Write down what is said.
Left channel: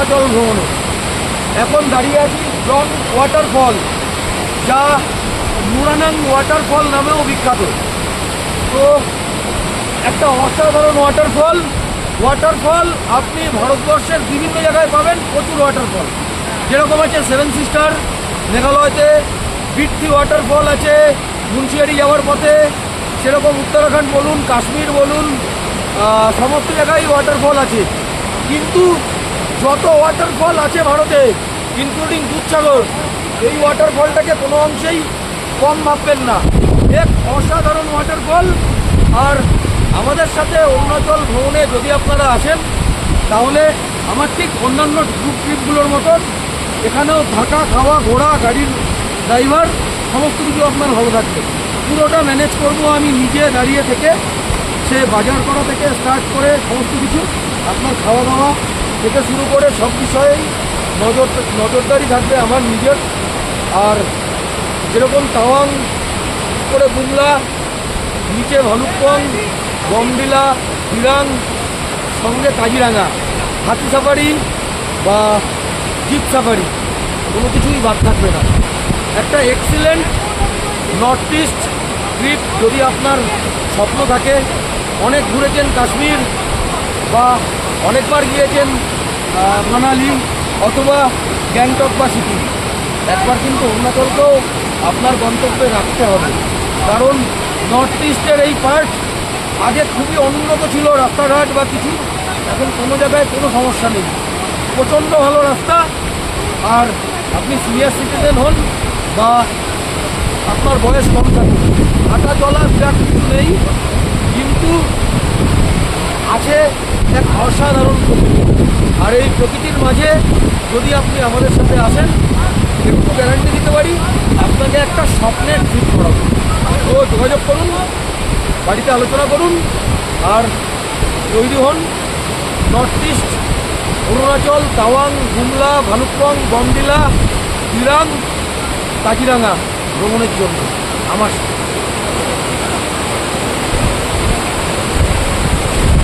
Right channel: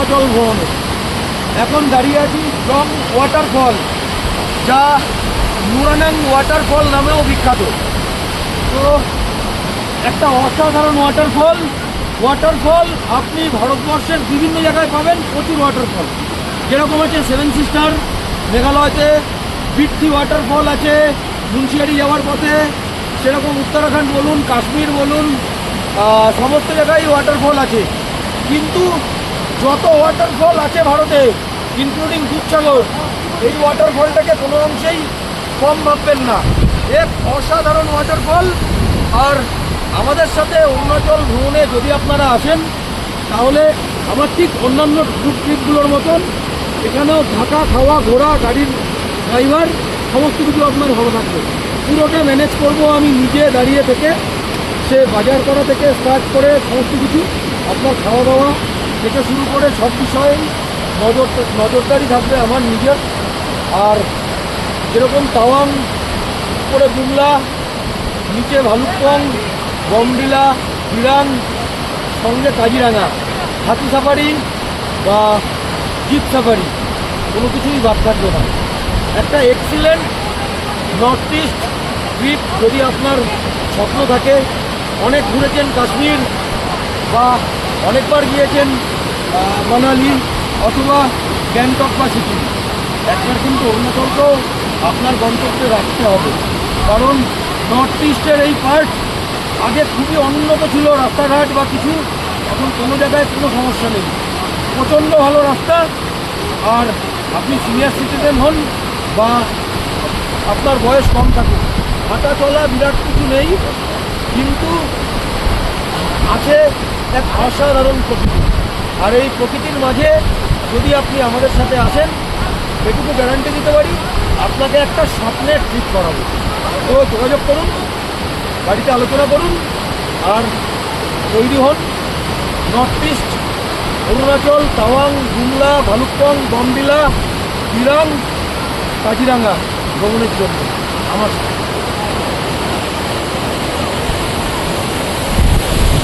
অরুণাচল ভ্রমণে। এখন দাঁড়িয়ে আছি জং ওয়াটারফল, যা মুরানাং ওয়াটারফল নামেও বিখ্যাত। তো একটা অসাধারণ ওয়াটারফল আপনি ভারতবর্ষের বিভিন্ন জায়গায় পাবেন, প্রচুর ওয়াটারফল। যেরকম আছে সেভেন সিস্টার মেঘালয়তে, বিট্টি ওয়াটারফল আছে মুন্সিয়ারি যাওয়ার পথে, সেরকম উত্তরাখণ্ড বলুন, কাশ্মীর বলুন, সমস্ত জায়গায় ওয়াটারফল আছে। কিন্তু যত ওয়াটারফল আছে ভারতে, ইনক্লুডিং দুধসাগর, এই ওয়াটারফলটাকে কোনো অংশেই কম ভাববেন না। এক অসাধারণ ওয়াটারফল। আর আমাদের সাথে অরুণাচল ভ্রমণে যদি আপনারা আসেন, তাহলে আমার ঠিক অন্যান্য গ্রুপ ট্রিপগুলোর মতন এখানেও থাকা, খাওয়া, ঘোরা, গাড়ির ড্রাইভার সমস্ত কিছু আপনার ভালো থাকবে। পুরোটা ম্যানেজ করব আমি নিজে দাঁড়িয়ে থেকে, সে বাজার করা থেকে স্টার্ট করে সমস্ত কিছু, আপনার খাওয়া দাওয়া থেকে শুরু করে সব বিষয়েই নজরদারি থাকবে আমার নিজের। আর যেরকম তাওয়াং করে বুমলা, নিচে ভালুকপং, বমডিলা, দিরাং, সঙ্গে কাজিরাঙা, হাতি সাফারি বা জিপ সাফারি, কোনো কিছুই বাদ থাকবে না। একটা এক্সিলেন্ট নর্থ ইস্ট ট্রিপ যদি আপনার স্বপ্ন থাকে, অনেক ঘুরেছেন কাশ্মীর বা অনেকবার গিয়েছেন মানালি অথবা গ্যাংটক বা সিকিম, একবার কিন্তু অরুণাচলকেও আপনার গন্তব্যে রাখতে হবে। কারণ নর্থ ইস্টের এই পার্ট আগে খুবই অনুন্নত ছিল, রাস্তাঘাট বা কিছু, এখন কোনো জায়গায় কোনো সমস্যা নেই, প্রচণ্ড ভালো রাস্তা। আর আপনি সিনিয়র সিটিজেন হন বা আপনার বয়স কম থাকুক, হাঁটা চলা বিরাট কিছু নেই, কিন্তু আছে এক অসাধারণ প্রকৃতি। আর এই প্রকৃতির মাঝে যদি আপনি আমাদের সাথে আসেন, একটু গ্যারান্টি দিতে পারি আপনাকে একটা স্বপ্নের ট্রিপ করাবো। তো যোগাযোগ করুন, বাড়িতে আলোচনা করুন, আর তৈরি হন নর্থ ইস্ট, অরুণাচল, তাওয়াং, গুমলা, ভালুকপং, বমডিলা, দিরাং, কাজিরাঙা ভ্রমণের জন্য আমার সাথে।